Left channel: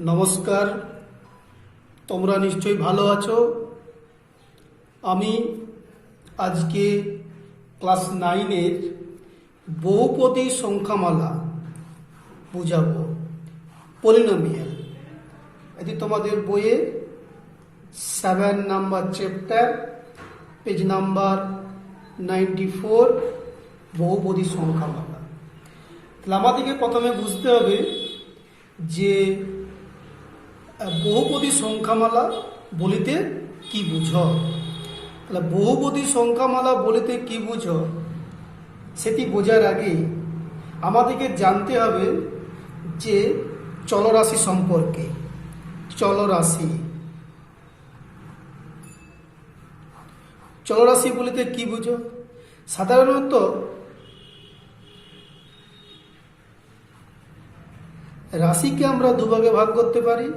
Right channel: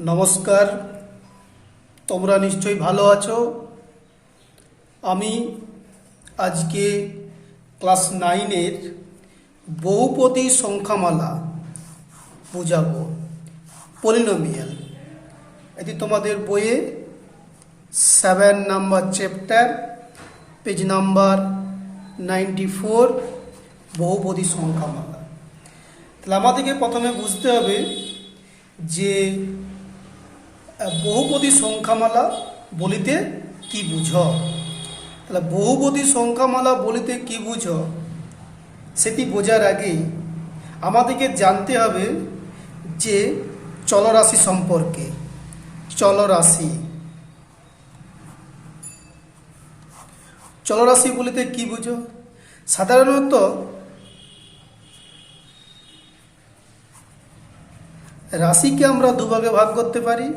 নমস্কার, তোমরা নিশ্চয়ই ভালো আছো। আমি আজকে ক্লাস 9-এর বহুপদী সংখ্যামালা বুঝাবো, পলিনোমিয়াল। এটি তোমাদের বইয়ে 7 নাম্বার চ্যাপ্টার, পেজ নাম্বার 94, বহুপদী সংখ্যামালা। তাহলে আমাদেরকে প্রথমে বুঝতে হবে যে বহুপদী সংখ্যামালা বলিতে কি বুঝো। তাহলে বহুপদী সংখ্যামালা বলিতে কি বুঝো সেটি বোঝার আগে আমাদেরকে জানতে হবে যে চলরাশি সম্পর্কে। চলরাশি বলিতে কি বুঝো? সাধারণত রাশিকে আমরা দুভাগে ভাগ করতে পারি।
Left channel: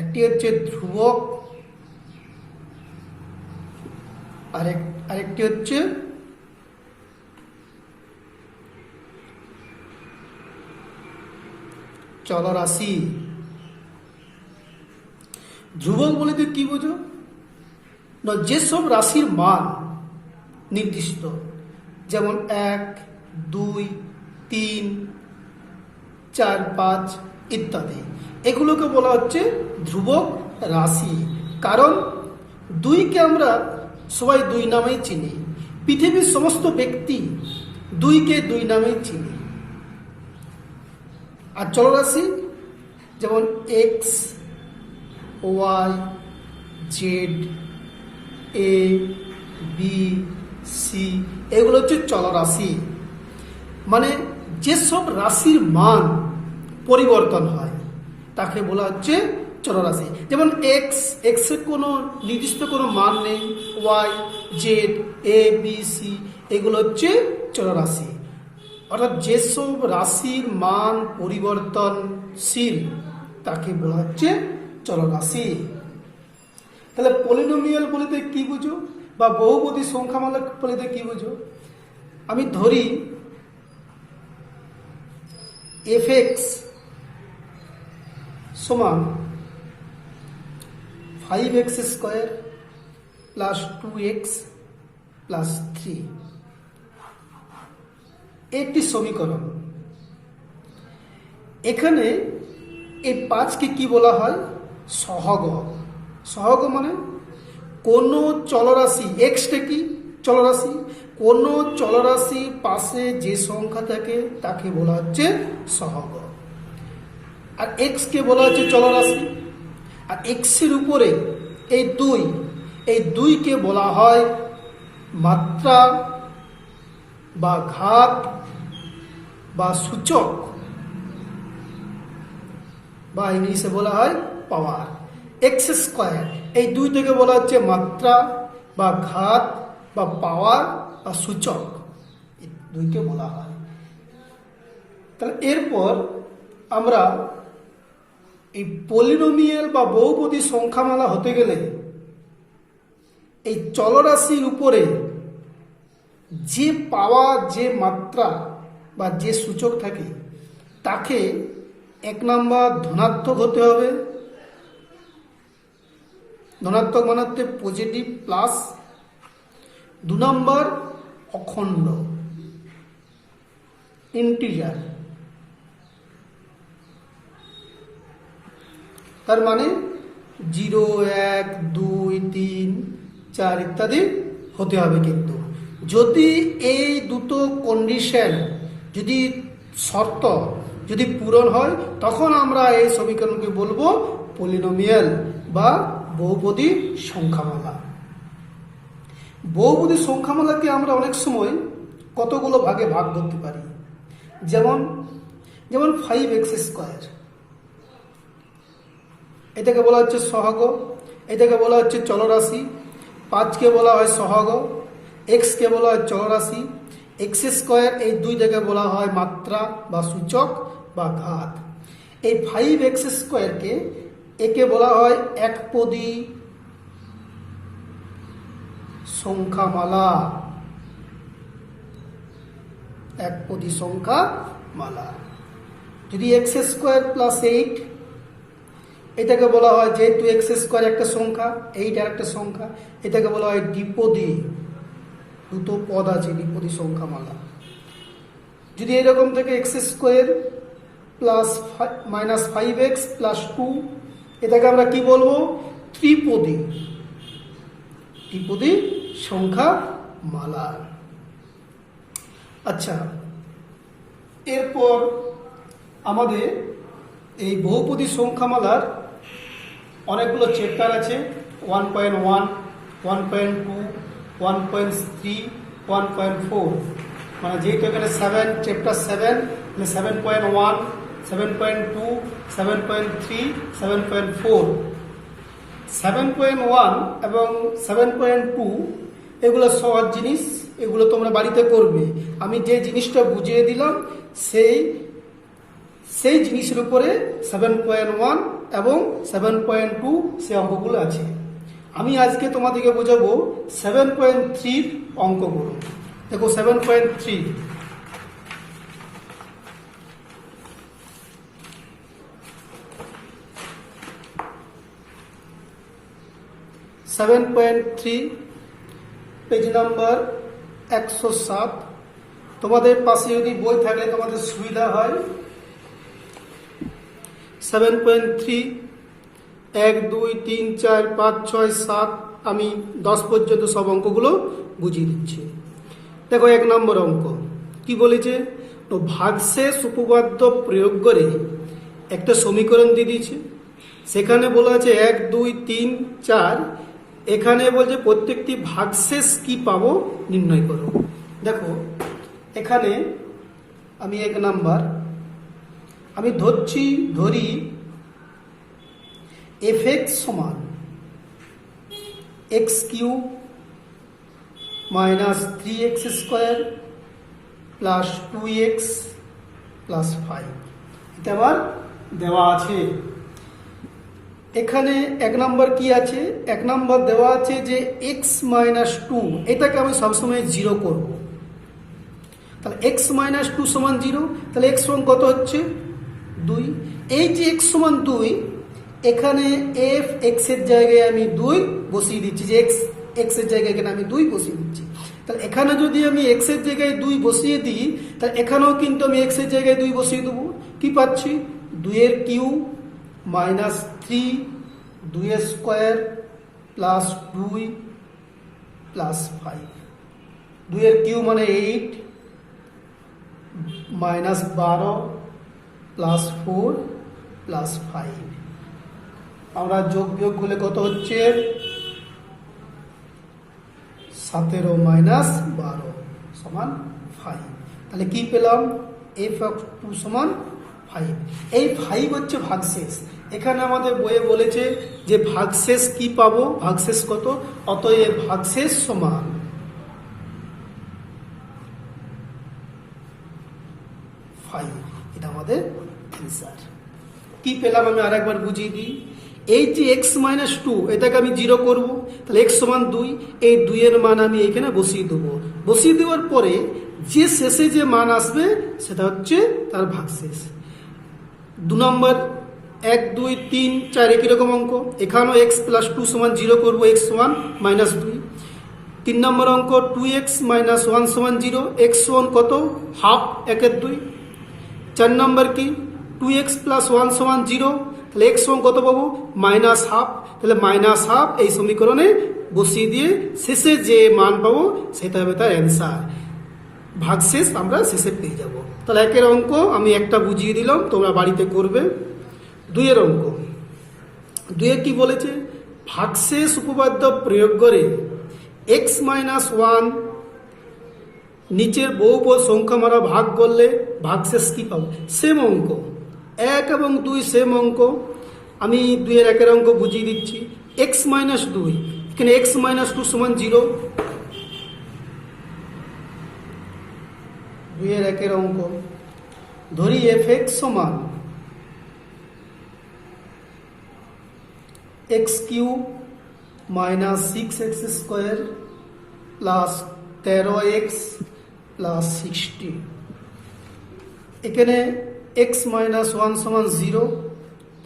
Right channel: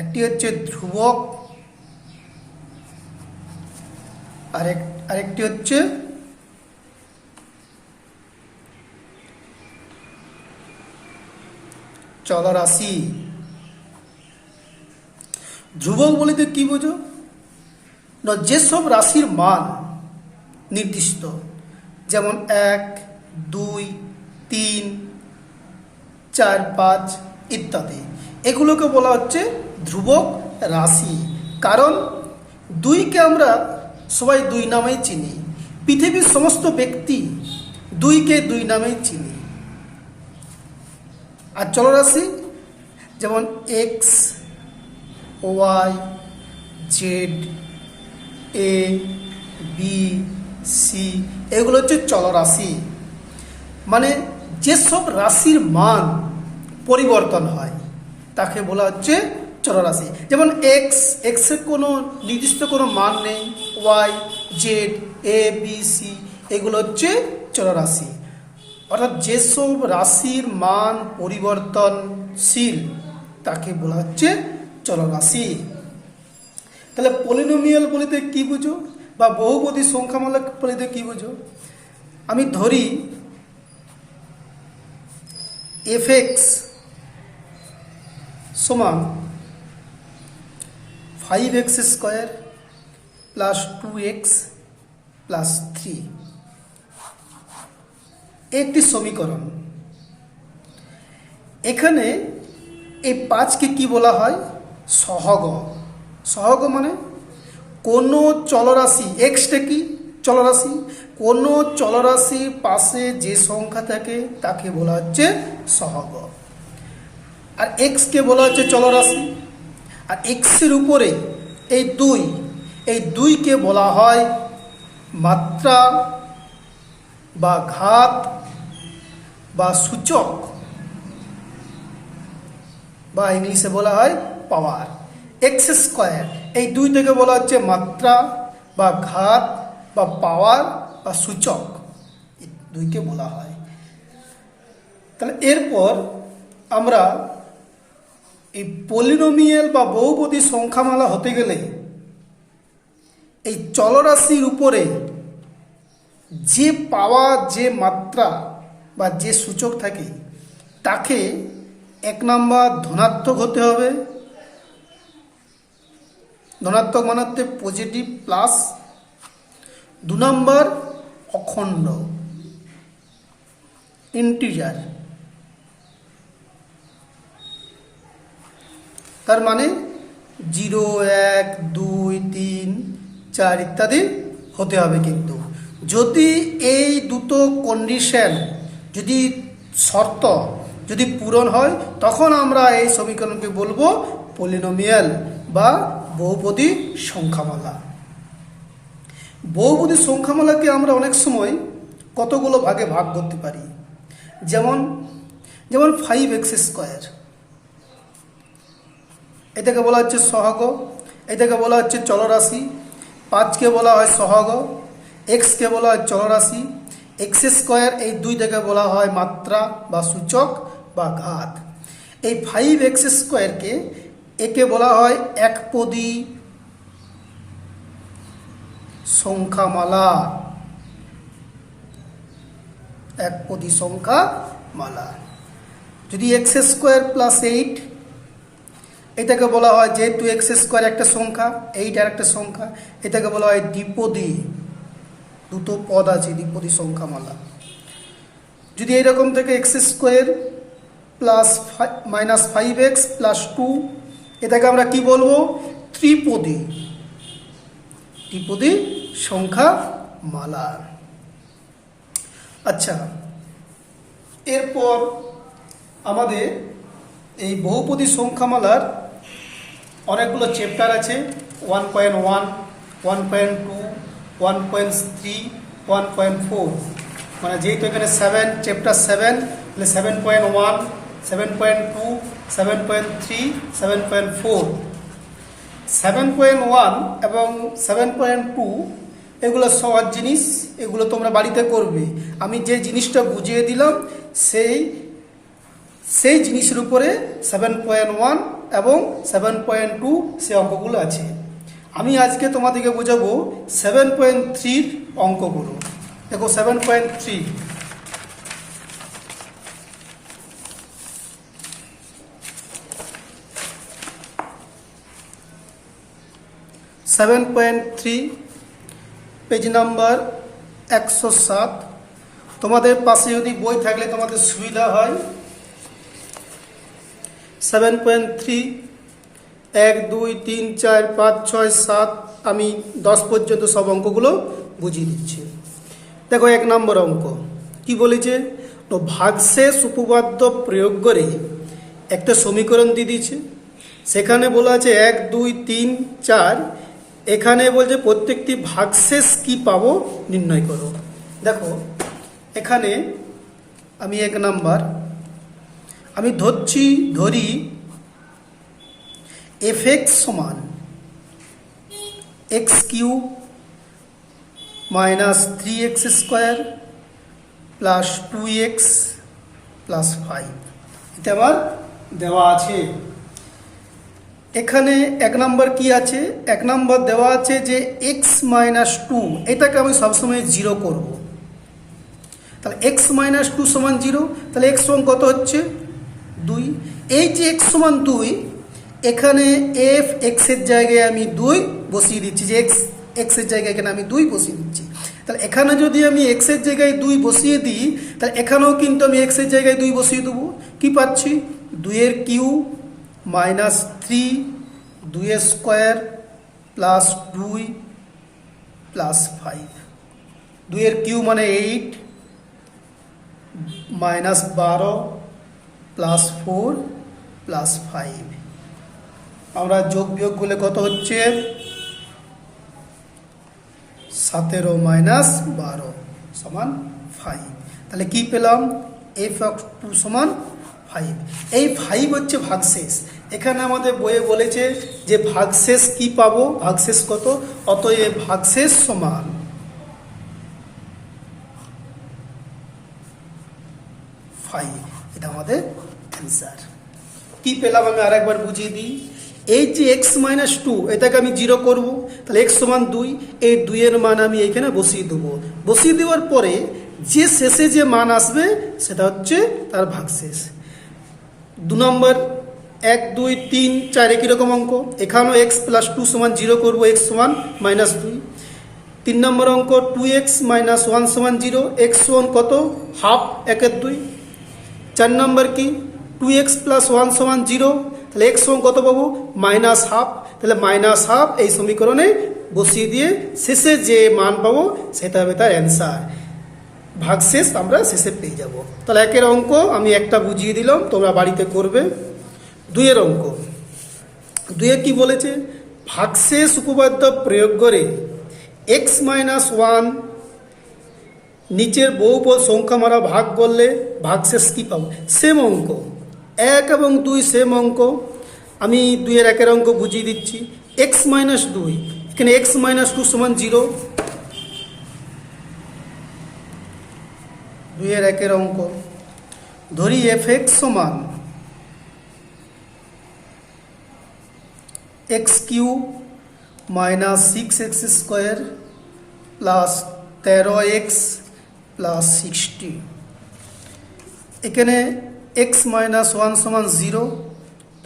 একটি হচ্ছে ধ্রুবক, আরেকটি হচ্ছে চলরাশি। ধ্রুবক বলিতে কি বুঝো না, যেসব রাশির মান নির্দিষ্ট, যেমন 1, 2, 3, 4, 5 ইত্যাদি, এগুলোকে বলা হচ্ছে ধ্রুবক রাশি। কারণ 2কে আমরা সবাই 2 নামেই চিনি, পৃথিবীর সমস্ত ব্যক্তি 2কে 2 নামেই চিনি। আর চলরাশি যেমন x, y, z, a, b, c, এগুলো হচ্ছে চলরাশি। মানে যেসব রাশির মান পরিবর্তন হয় তাকে বলা হচ্ছে চলরাশি। যেমন এক্স এর কোনো নির্দিষ্ট কোনো মান নেই, ওয়াই, জেড, এ, বি, সি, এগুলো হচ্ছে চলরাশি। অর্থাৎ যেসব রাশির মান পরিবর্তনশীল তাকে বলা হচ্ছে চলরাশি। তাহলে পলিনোমিয়াল বলিতে কি বুঝো বা বহুপদী সংখ্যামালা বলিতে কি বুঝো? আমি ধরি fx সমান 5x square plus 2x plus 3, একটি সমীকরণ। এখানে এই 5কে কি বলা হয়? সহগ। সহগ মানে কোনো চলরাশি, এক্সটা কি চলরাশি, কোনো চলরাশির পাশে যে সংখ্যা থাকে তাকে বলা হচ্ছে সহগ। আর এক্সকে বলা হচ্ছে চলরাশি। আর এক্সের উপরে এই 2, এই 2কে বলা হয় মাত্রা বা ঘাত বা সূচক, বা ইংলিশে বলা হয় পাওয়ার। এক্স স্কোয়ার, এই 2 থেকে বলা হচ্ছে মাত্রা বা ঘাত বা পাওয়ার বা সূচক, 2কে বলা হয়। তাহলে এরপর আমরা এই পলিনোমিয়াল বা বহুপদী সংখ্যামালা হতে গেলে এই চলরাশির উপরে যে পাওয়া, যে মাত্রা বা যে সূচক থাকে তাকে 1 নাম্বার ধনাত্মক হতে হবে। ধনাত্মক মানে হচ্ছে পজিটিভ প্লাস। 2 নাম্বার অখণ্ড, ইন্টিজার। তার মানে 0, 1, 2, 3, 4 ইত্যাদি হতে হবে। কিন্তু যদি এই দুটো কন্ডিশন, যদি শর্ত যদি পূরণ হয়, তখন আমরা এই সমীকরণকে বলবো পলিনোমিয়াল বা বহুপদী সংখ্যামালা। বহুপদী সংখ্যামালাকে আমরা অনেক সময় কতগুলো ভাগে ভাগ করতে পারি। যেমন 5x স্কোয়ার, এটাকে বলা হচ্ছে সহগ, এটাকে বলা হচ্ছে চলরাশি। 5কে বলা হয় সহগ, এক্সকে বলা হয় চলরাশি, এক্স স্কোয়ার এই 2 থেকে বলা হয় মাত্রা বা সূচক বা ঘাত। এই 5x স্কোয়ারকে একে বলা হয় একপদী সংখ্যামালা। একপদী সংখ্যামালা। যদি x² + 8 এটাকে বলা হয়, যেহেতু এক্স স্কোয়ার একটা সংখ্যা, এইটার একটা সংখ্যা, এটাকে বলা হয় দ্বিপদী। দুটো পদ আছে, দ্বিপদী সংখ্যামালা। যদি এরকম থেকে x square plus minus 5x plus 2, এটাকে আমরা কি বলবো? ত্রিপদী। ত্রিপদী সংখ্যামালা। আচ্ছা, এরপর আমাদের এই বহুপদী সংখ্যামালার অনেকগুলো চ্যাপ্টার আছে। 1.1, 1.2, 1.3, 1.4, মানে যেহেতু এখানে 7, চ্যাপ্টার 7, তাহলে 7.1, 7.2, 7.3, 7.4। 7.1 এবং 7.2 এগুলো সহজ জিনিস, এগুলো তোমরা বাড়িতে করবে। আমি যে জিনিসটা বুঝিয়ে দিলাম সেই জিনিসের উপরে 7.1 এবং 7.2 সে অঙ্কগুলো আছে। আমি আজকে তোমাদেরকে বোঝাবো 7.3 অঙ্কগুলো। দেখো 7.3, পেজ নাম্বার 107। তোমাদের পাশে যদি বই থাকলে তোমাদের সুবিধা হয়। 7.3, 1, 2, 3, 4, 5, 6, 7, আমি 10 পর্যন্ত সব অঙ্কগুলো বুঝিয়ে দিচ্ছি। দেখো 1 নম্বর অঙ্ক কি বলেছে? ভাগশেষ উপপাদ্য প্রয়োগ করে একটা সমীকরণ দিয়ে দিয়েছে। সেখানে বলা আছে 1, 2, 3, 4। এখানে বলছে প্রত্যেকটি ভাগশেষ কি পাবো নির্ণয় করো। দেখো এখানে আমি 1 নাম্বার আমি ধরি fx সমান x cube minus 3x square plus 2x plus 5। এটা আমার দেওয়া আছে। এখানে 1 নাম্বার কি আছে? 1 নাম্বার দেওয়া আছে যে x মাইনাস 2, এটাকে আমি সবসময় 0 করব। তাহলে x মাইনাস 2 সমান 0, তাহলে x সমান কত হচ্ছে? 2। এই যে x সমান 2, এখানে f x এর জায়গায় আমি 2 বসিয়ে দিচ্ছি, যে x এর জায়গায় এখানে আমি 2 বসিয়ে দিচ্ছি। তাহলে এখানে যদি আমি x এর জায়গায় 2 বসিয়ে দিই, তাহলে এখানেও কিন্তু আমি x এর জায়গায় 2 বসিয়ে দেবো। কি পাচ্ছি? 2 এর কিউব মাইনাস 3, 2 এর স্কোয়ার প্লাস 2 প্লাস 5। 2 এর কিউব মানে 8 মাইনাস 12 প্লাস 4 প্লাস 5। আমরা যোগ বিয়োগ করলে কত হচ্ছে? 17 মাইনাস 12 সমান 5। তাহলে কি পেলাম? f(2) সমান 5। এই 5 হচ্ছে ভাগশেষ। এখানে আমাদের বইয়ে বলেছে যে ভাগশেষ কি পাবো, ভাগশেষ কত, অতএব ভাগশেষ সমান 5। এটা আমাদের অ্যান্সার। কি পেলাম আমি আরেকবার বুঝিয়ে দিই। এই যে x মাইনাস 2, এটাকে আমি 0 করব। তাহলে x সমান 2, এই 2 এর মান আমি এখানে বসিয়ে দেবো। বসিয়ে দেওয়ার পরে যে শেষে যে মান আসবে সেটা হচ্ছে তার ভাগশেষ। 2 নম্বর 1, 2, 3, 4 একই রকম অঙ্ক। এখানেও x প্লাস 2 সমান 0 করবো, x সমান মাইনাস 2। 3 নম্বর অঙ্ক 2x মাইনাস 1 সমান 0, x সমান কত? হাফ, 1/2। 4 নম্বর কি? 2x প্লাস 1 সমান 0, তাহলে x সমান কত পাবো? Minus half. তাহলে মাইনাস হাফ এই সমীকরণে বসিয়ে দিয়ে শেষে যে মান পাবো সেটা হবে তার অ্যান্সার। ভাগশেষ আমরা শেষে পেয়ে যাব। তাহলে 1 এর অঙ্ক আমি একটা বুঝিয়ে দিলাম, তোমরা বাড়িতে করবে। 2 এর অঙ্ক, 2 এ কি বলেছে? ভাগশেষ উপপাদ্য প্রয়োগ করে x মাইনাস 1 নিচের বহুপদ সংখ্যা মারা ভাগ করলে ভাগশেষ কি পাবো? সেম অঙ্ক, 1 এবং 2 সেম অঙ্ক। আমি 2 এর 1 এর অঙ্ক বুঝিয়ে দিচ্ছি। x মাইনাস 2, এখানে x মাইনাস 2 সমান 0। 2 এর 1 এর অঙ্ক ধরি fx সমান x cube minus 6x square plus 13x plus 60। এখানে x মাইনাস 1 সমান 0,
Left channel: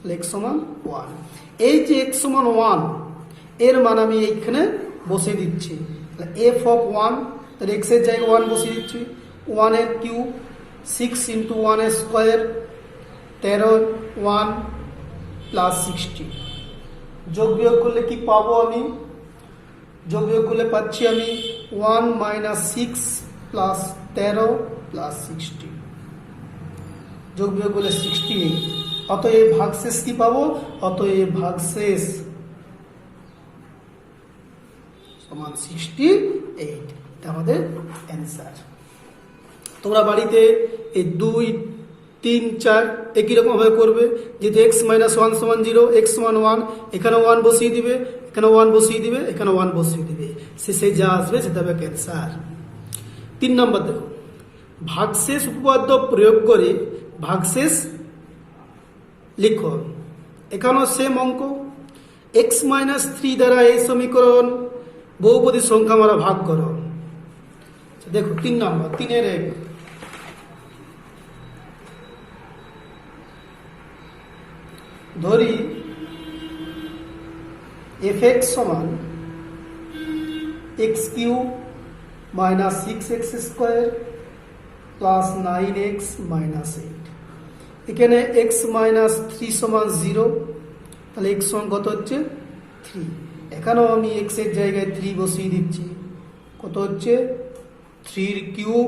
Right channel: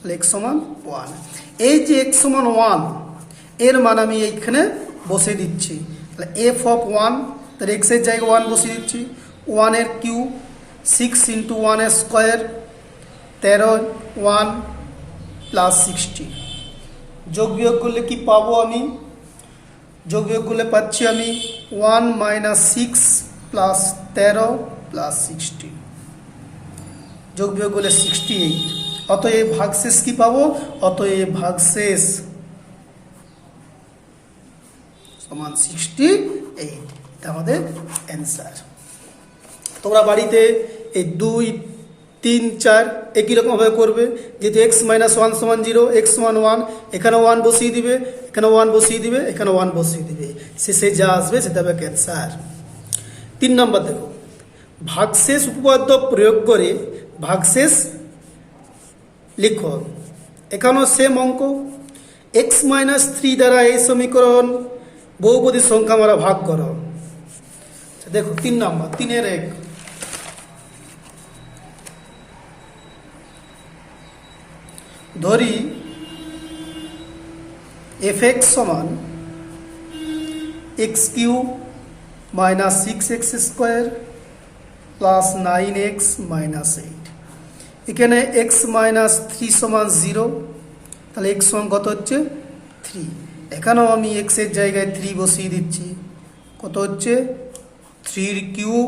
তাহলে এক্স সমান 1। এই যে এক্স সমান 1 এর মান আমি এইখানে বসে দিচ্ছি, তাহলে এফ অফ 1, তাহলে এক্সের জায়গায় 1 বসিয়ে দিচ্ছি। 1 এর কিউব 6 ইন্টু 1 এর স্কোয়ার 13, 1 প্লাস 60। যোগ বিয়োগ করলে কি পাবো আমি? যোগ বিয়োগ করলে পাচ্ছি আমি 1 মাইনাস 6 প্লাস 13 প্লাস 60। যোগ বিয়োগ করলে 68। অতএব ভাগশেষ কি পাবো? অতএব ভাগশেষ সমান 68। এটা আমাদের অ্যান্সার। তোমরা বাড়িতে এই 2, 3, 4 একই রকমভাবে করবে। যেহেতু এক্স মাইনাস 1 সমান 0, এক্স সমান 1, এখানে 1 বসিয়ে দিবে, এখানে 1 বসিয়ে দিবে, এখানে 1 বসিয়ে দিবে, শেষে যা আসবে সেটা হবে অ্যান্সার। 3 নম্বর দেখো, ভাগশেষ উপপাদ্য প্রয়োগ করে ভাগশেষ লিখো। এখানেও সেম অঙ্ক। এক্স মাইনাস 3 দ্বারা এই সমীকরণ বহুপদী সংখ্যা আমরা ভাগ করো। দেখো 3 নম্বর, 3-এর 1। ধরি এফ এক্স সমান X cube minus 6x square plus 9x minus 8। এখানে এক্স মাইনাস 3 সমান 0, তাহলে এক্স সমান কত হচ্ছে 3। এখানেও আমি এক্সের জায়গায় 3 বসিয়ে দিচ্ছি, কত হচ্ছে 3 কিউব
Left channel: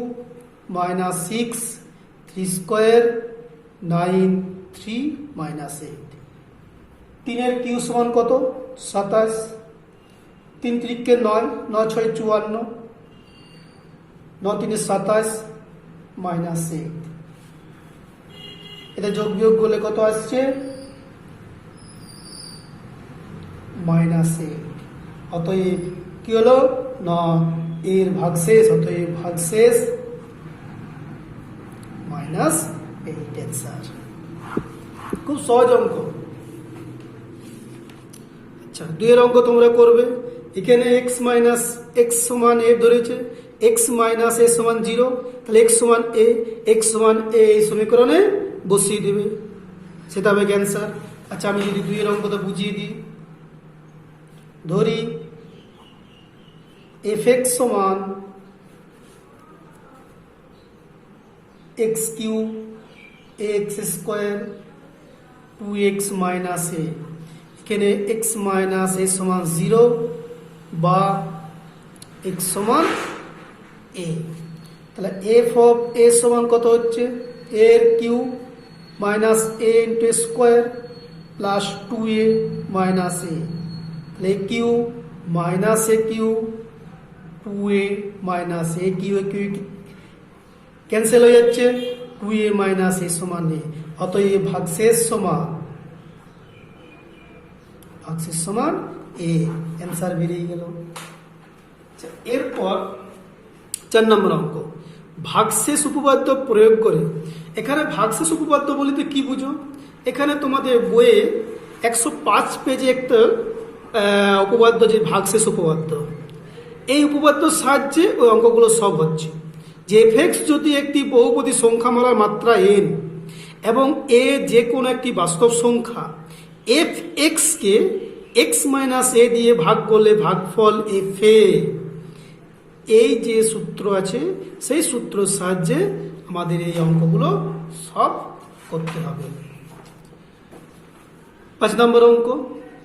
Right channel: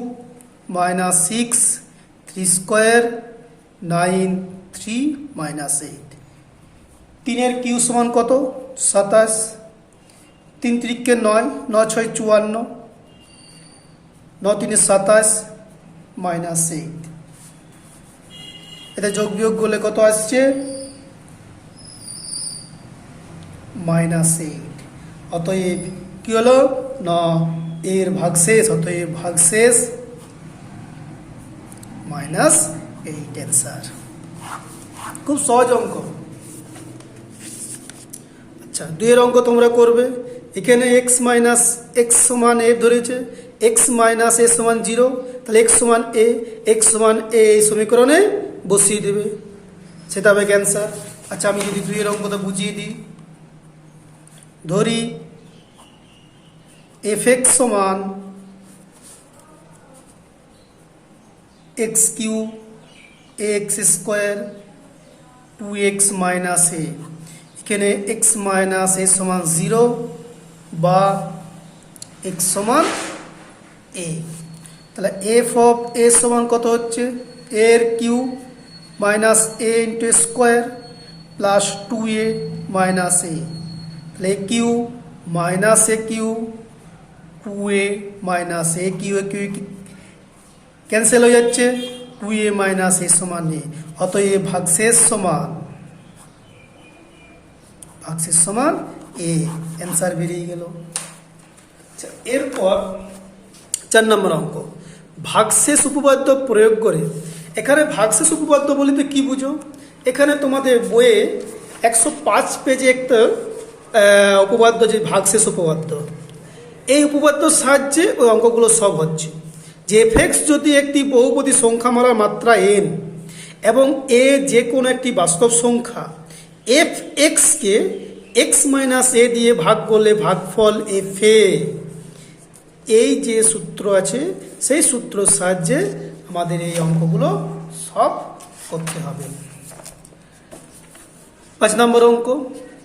মাইনাস 6, 3 স্কোয়ার 9, 3 মাইনাস 8। 3-এর কিউ সমান কত 27, 3 3-কে 9, 9 6 54, 9 3 27 মাইনাস 8। এটা যোগ বিয়োগ করলে কত আসছে মাইনাস 8। অতএব কি হলো না এর ভাগশেষ, অতএব ভাগশেষ মাইনাস 8 অ্যান্সার। খুব সহজ অঙ্ক। আচ্ছা 2-এর অঙ্ক তোমরা করবে। এখানে এক্স মাইনাস এক্স সমান এ ধরেছে, এক্স মাইনাস এ সমান 0, তাহলে এক্স সমান এ, এক্স সমান এ এই সমীকরণে বসিয়ে দেবে, সেটা হবে ক্যান্সার। আচ্ছা আমি যদি 2-এর অঙ্কটা বুঝিয়ে দিই। ধরি এফ এক্স সমান X cube X square 2x minus A. এখানে এক্স মাইনাস এ সমান 0 বা এক্স সমান এ, তাহলে এফ অফ এ সমান কত হচ্ছে এর cube minus A into square plus 2a minus A, তাহলে cube minus A cube 2a minus A cube cancel হয়ে যাচ্ছে, 2a মাইনাস এ সমান এ। অতএব ভাগশেষ সমান এ, অ্যান্সার বেরিয়ে গেল। আচ্ছা এরপর 4 নম্বর অঙ্ক, ভাগশেষ উপপাদ্য প্রয়োগ করে। এখানে ভাগশেষ উপপাদ্য বলতে কি বুঝো? এখানে তোমাদের বইয়ে 105 পেজে একটা উপপাদ্য, যে ভাগশেষ উপপাদ্য, এই উপপাদ্যর সাহায্যে ওই অঙ্কগুলো সব হচ্ছে। যে এফ এক্স যদি একটি বহুপদী সংখ্যামালার মাত্রা n এবং এ যে কোনো একটি বাস্তব সংখ্যা এফ এক্সকে এক্স মাইনাস এ দিয়ে ভাগ করলে ভাগফল এফ এ, এই যে সূত্র আছে সেই সূত্রের সাহায্যে আমাদের এই অঙ্কগুলো সব করতে হবে। 5 নম্বর অঙ্ক।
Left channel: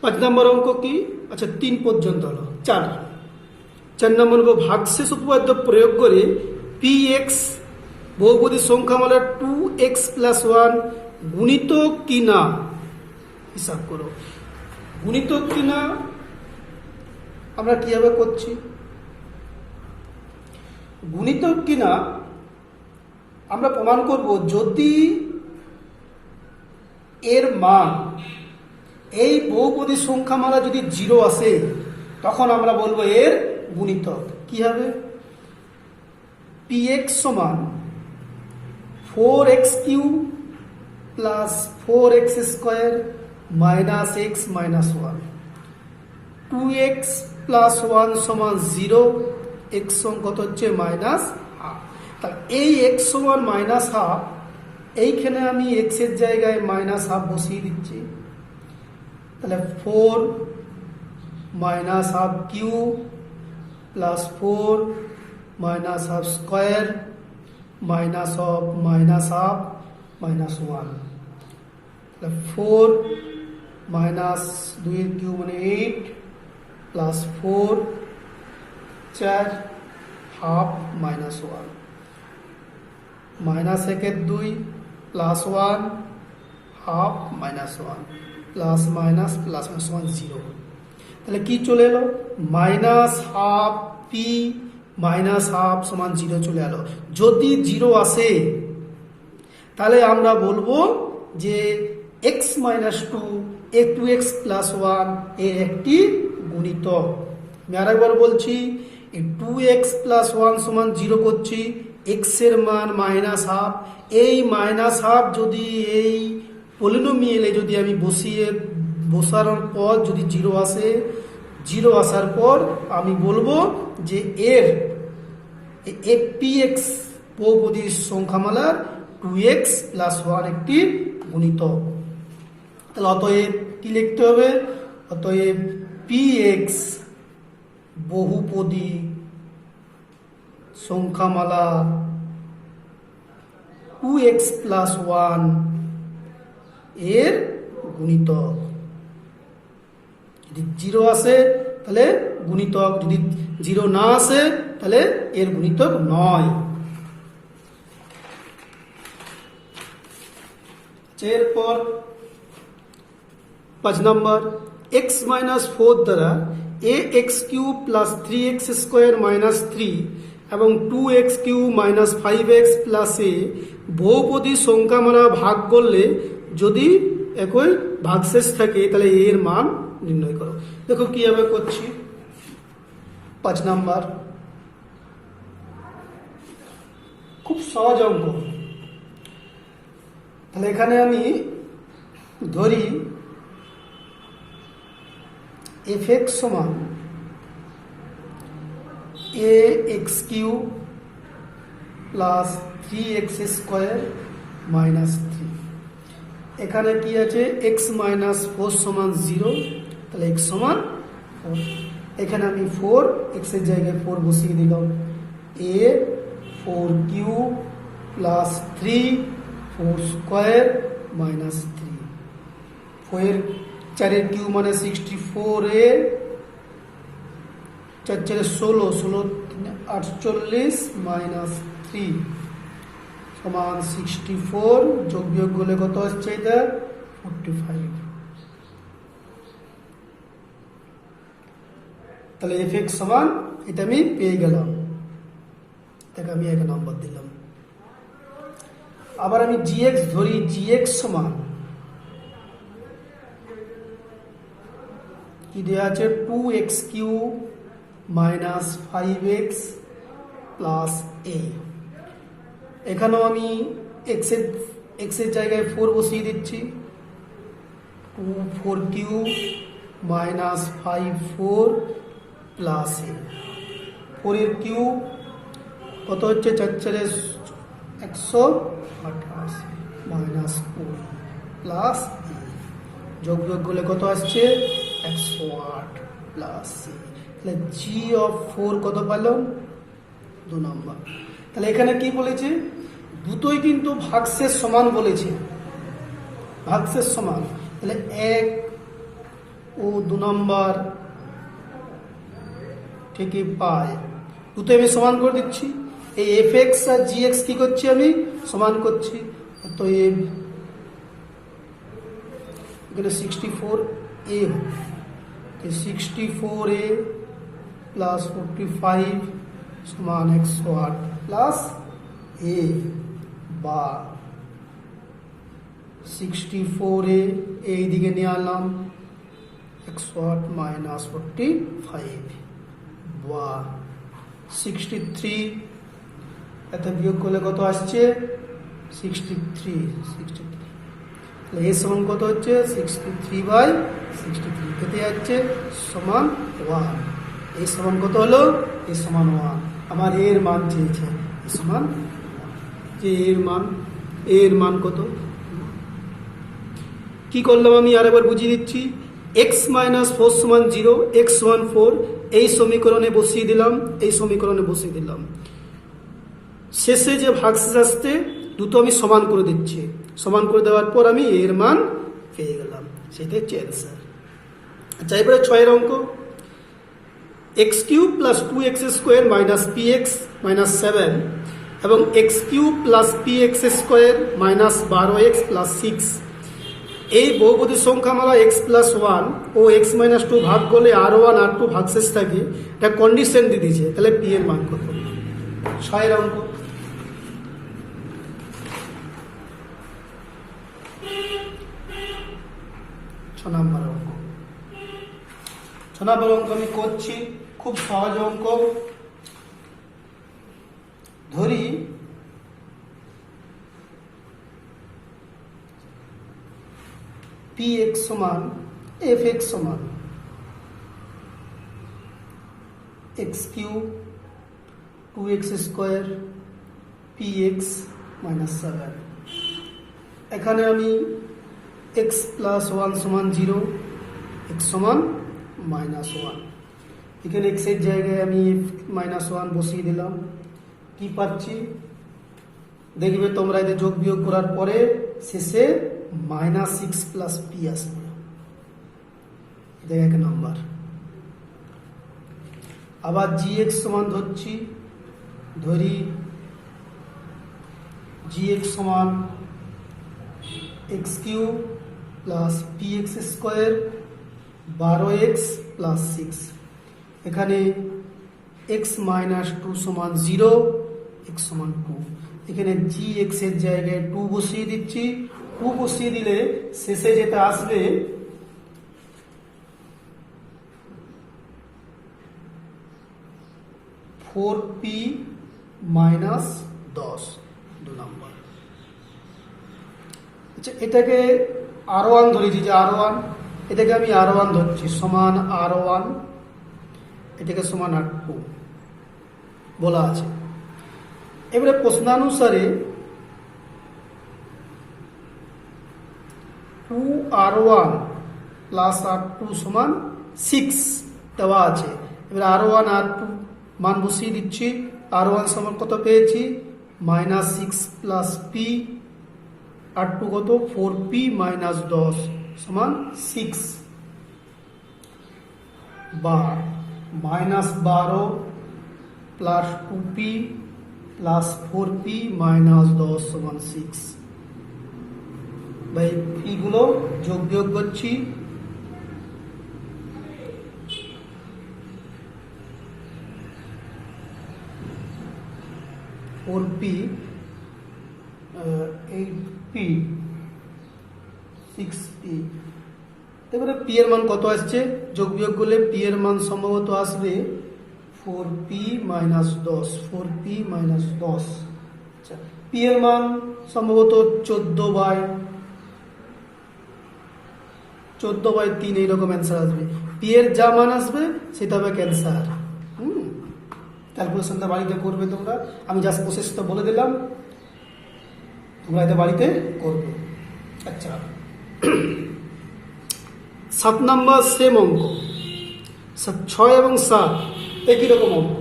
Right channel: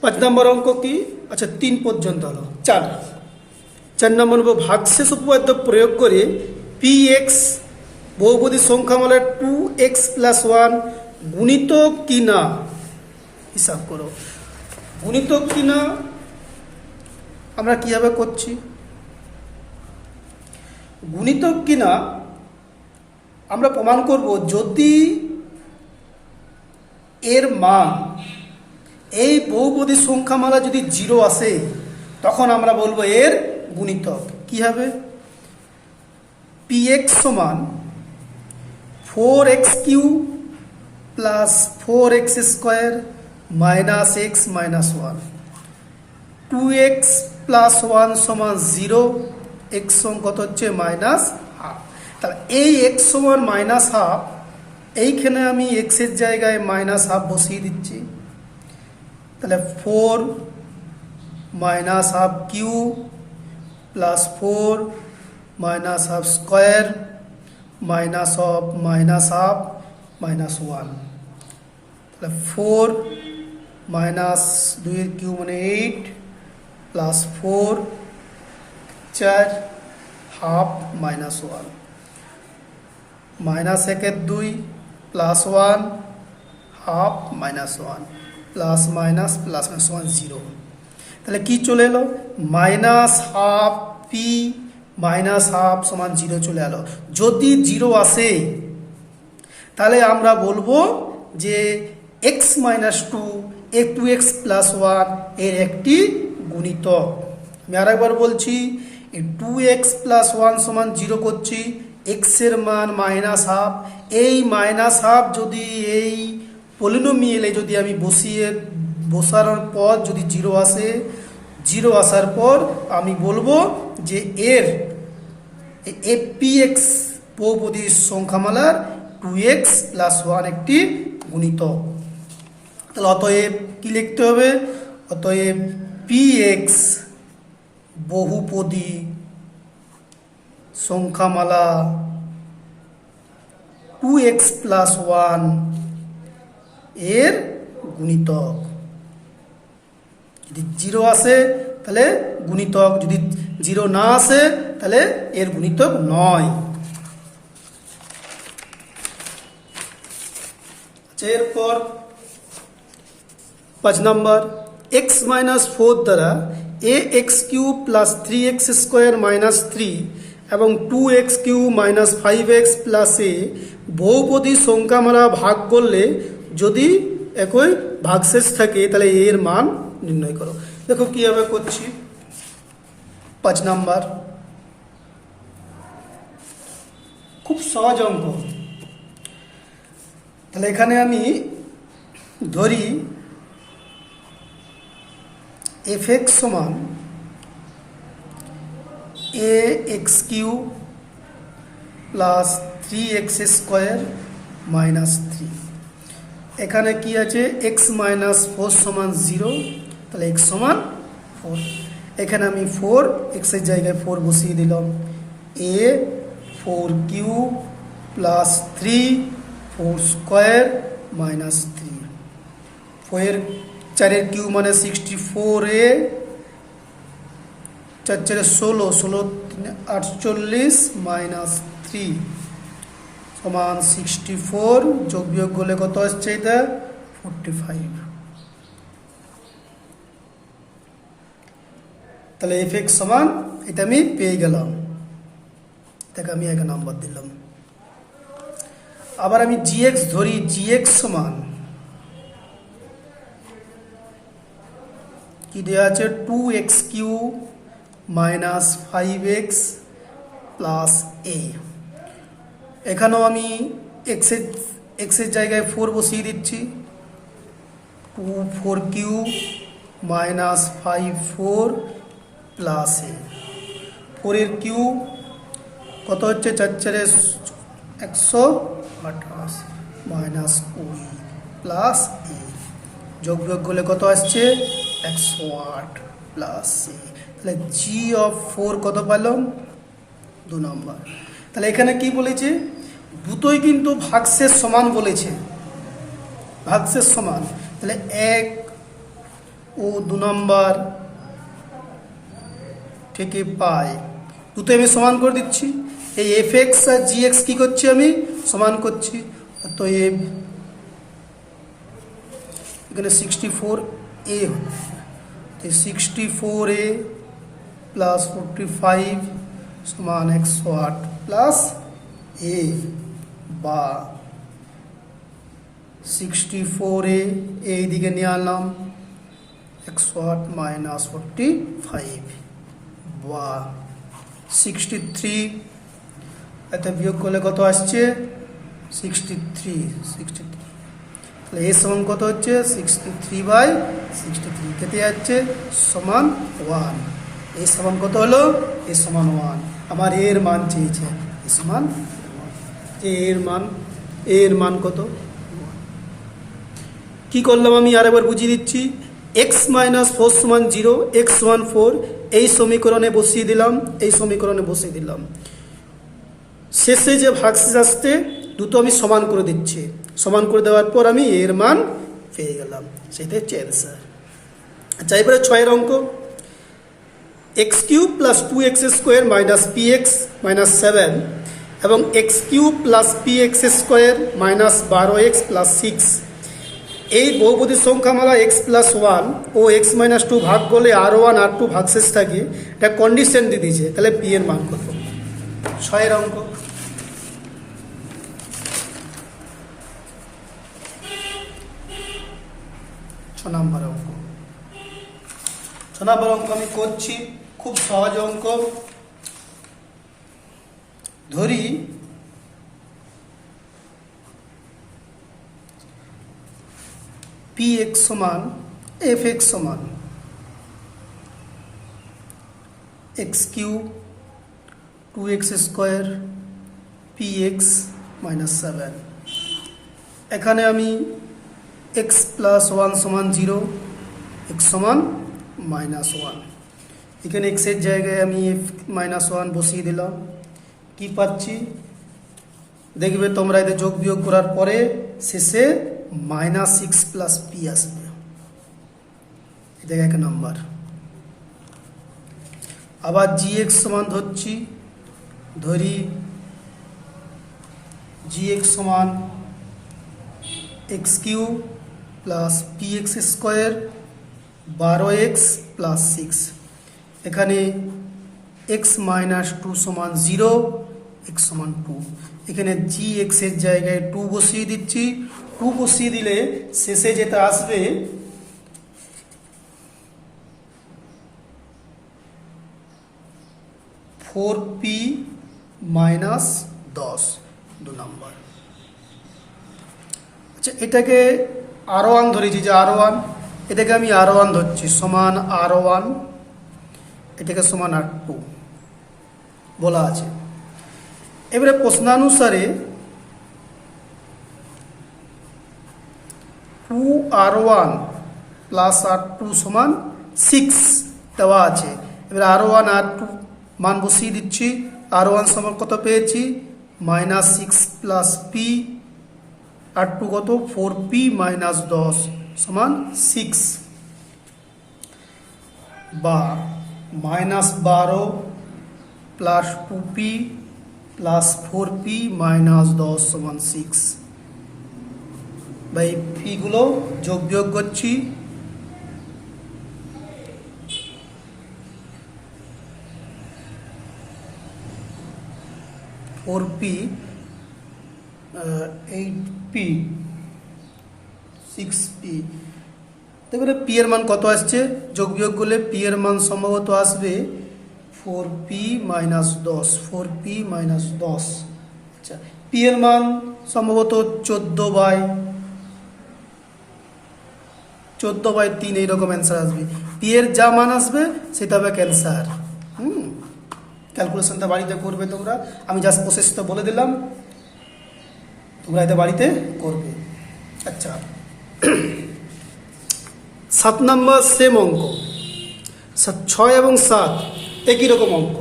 5 নম্বর অঙ্ক কি? আচ্ছা 3 পর্যন্ত হলো। 4 নম্বর ভাগশেষ উপপাদ্য প্রয়োগ করে পি এক্স বহুপদী সংখ্যামালা 2x প্লাস 1 গুণিতক কিনা হিসাব করো। গুণিতক কিনা আমরা কিভাবে করছি? গুণিতক কিনা আমরা প্রমাণ করব যদি এর মান এই বহুপদী সংখ্যামালা যদি 0 আসে তখন আমরা বলবো এর গুণিতক। কি হবে? px সমান 4x Q plus 4x square minus x minus 1, 2x plus 1 সমান 0, x সমান কত হচ্ছে মাইনাস হাফ। তাহলে এই x সমান মাইনাস হাফ, এইখানে আমি x এর জায়গায় মাইনাস হাফ বসিয়ে দিচ্ছি, তাহলে 4 minus half Q plus 4 minus half square minus of minus half minus 1, তাহলে 4 মাইনাস 2 কিউ মানে 8 plus 4 4 half minus 1 minus 1 2 plus 1 half minus 1 plus minus plus minus 1 0, তাহলে কি চলে এলো minus half P minus half সমান 0 চলে এলো। যদি 0 আসে তাহলে আমরা বলবো যে x মাইনাস 2 এ 2x প্লাস 1 এর একটি গুণিতক। আমি আরেকবার বলছি, এই 2x প্লাস 1 সমান 0 করছি, x এর মান মাইনাস হাফ, এই মাইনাস হাফ যদি এই পলিনোমিয়ালে যদি আমি বসানোর পর যদি 0 আসে, 0 আসার পর আমি বলবো যে এর px বহুপদী সংখ্যামালার 2x প্লাস 1 একটি গুণিতক। তাহলে অতএব কি লিখতে হবে, অতএব px বহুপদী সংখ্যামালা 2x প্লাস 1 এর গুণিতক। যদি 0 আসে তাহলে গুণিতক, যদি 0 না আসে তাহলে এর গুণিতক নয়। এরপর 5 নম্বর, x মাইনাস 4 দ্বারা ax cube plus 3x square minus 3 এবং 2x cube minus 5x plus a বহুপদী সংখ্যামালা ভাগ করলে যদি একই ভাগশেষ থাকে তাহলে এর মান নির্ণয় করো। দেখো কিভাবে করছি। 5 নম্বর, খুব সহজ অঙ্ক। তাহলে এখানে আমি ধরি fx সমান ax cube plus 3x square minus 3। এখানে কি আছে, x মাইনাস 4 সমান 0, তাহলে x সমান 4। এখানে আমি 4 x এর জায়গায় 4 বসিয়ে দিলাম। a 4 cube plus 3 4 square minus 3, 4 cube মানে 64a, 4 16 16 48 মাইনাস 3 সমান 64, যোগ বিয়োগ করলে কত আসছে এটা 45। তাহলে fx সমান এটা আমি পেয়ে গেলাম, এটাকে আমি 1 নম্বর দিলাম। আবার আমি gx ধরি, gx সমান কি দেওয়া আছে 2x cube minus 5x plus a। এখানেও আমি x এর জায়গায় 4 বসিয়ে দিচ্ছি, 2 4 কিউব মাইনাস 5 4 প্লাস a। 4 এর কিউব কত হচ্ছে 4 4 128 মাইনাস 20 প্লাস a, যোগ বিয়োগ করলে কত আসছে 108 প্লাস a। তাহলে g অফ 4 কত পেলাম 2 নম্বর। তাহলে এখানে কি বলেছে, দুটোই কিন্তু ভাগশেষ সমান বলেছে, ভাগশেষ সমান। তাহলে 1 ও 2 নম্বর থেকে পাই, দুটোই আমি সমান করে দিচ্ছি। এই fx আর gx কি করছি আমি সমান করছি। তো এখানে 64a, 64a প্লাস 45 সমান 108 প্লাস a, বা 64a এই দিকে নিয়ে আনলাম 108 মাইনাস 45, বা 63 এতে বিয়োগ করলে কত আসছে 63। তাহলে এর সমান কত হচ্ছে 63/63, কেটে যাচ্ছে সমান 1। এই সমান কত হলো, এর সমান 1। আমার এর মান চেয়েছে, এর সমান যে এর মান কত। কি করলাম আমি আরেকবার বুঝিয়ে দিচ্ছি। এক্স মাইনাস ফোর সমান জিরো, এক্স সমান ফোর, এই সমীকরণে বসিয়ে দিলাম, এই সমীকরণে বসিয়ে দিলাম। শেষে যে ভাগশেষ আসতে দুটো আমি সমান করে দিচ্ছি, সমান করে দেওয়ার পর আমি এর মান পেয়ে গেলাম, সেটাই হচ্ছে অ্যান্সার। আচ্ছা, এবারে 6 অঙ্ক, x cube plus 2x square minus P x minus 7 এবং x cube plus P x square minus 12x plus 6, এই বহুপদী সংখ্যামালা x প্লাস 1 ও x মাইনাস 2 ভাগ করলে R1 R2 ভাগশেষ থাকে, এটা কন্ডিশন দিয়ে দিয়েছে, তাহলে পি এর মান কত? 6 অঙ্ক। ছ নম্বর অঙ্ক আমি করছি, খুব সহজ অঙ্ক। ধরি পি এক্স সমান এফ এক্স সমান X cube 2x square P x minus 7। এখানে আমি এক্স প্লাস 1 সমান 0, এক্স সমান মাইনাস 1, এখানে এক্সের জায়গায় আমি মাইনাস 1 বসিয়ে দিলাম। কি পাচ্ছি দেখবে তোমরা, এদের যোগ বিয়োগ করার পরে শেষে মাইনাস 6 প্লাস পি আসবে, এটা এক নাম্বার। আবার জি এক্স সমান ধরি জি এক্স সমান X cube plus P x square 12x plus 6, এখানে এক্স মাইনাস 2 সমান 0, এক্স সমান 2, এখানে জি এক্সের জায়গায় 2 বসিয়ে দিচ্ছি। 2 বসিয়ে দিলে শেষে যেটা আসবে ফোর পি মাইনাস 10, 2 নম্বর। আচ্ছা, এটাকে R1 ধরেছি, যে R1, এটাকে আমি R1 ধরছি সমান R1, এটাকে সমান R2 বলা আছে। এবারে প্রশ্নানুসারে 2R1 প্লাস R2 সমান 6 দেওয়া আছে। এবারে R1 R2 মান বসিয়ে দিচ্ছি। R1 সমান কত পেয়েছি? মাইনাস 6 প্লাস পি, R2 কত? 4p মাইনাস 10 সমান 6, বা minus 12 plus 2p plus 4p minus 10 সমান 6। বা এই পিগুলো যোগ বিয়োগ করছি। 4p 8p 6p, এবারে পি এর মান কত আসছে? যোগ বিয়োগ করলে পি এর মান সম্ভবত আসবে 4p মাইনাস 10, 4p মাইনাস 10। আচ্ছা, পি এর মান সম্ভবত 14/3 এইরকম অ্যান্সার আসবে। পি এর যা মান আসবে সেটা হবে ক্যান্সার। ক্যালকুলেশনটা বাড়িতে করবে তোমরা, আমি জাস্ট প্রসেসটা বলে দিলাম, তোমরা এটা বাড়িতে করবে। আচ্ছা, 7 নম্বর সেম অঙ্ক, 6 এবং 7 একই রকম অঙ্ক।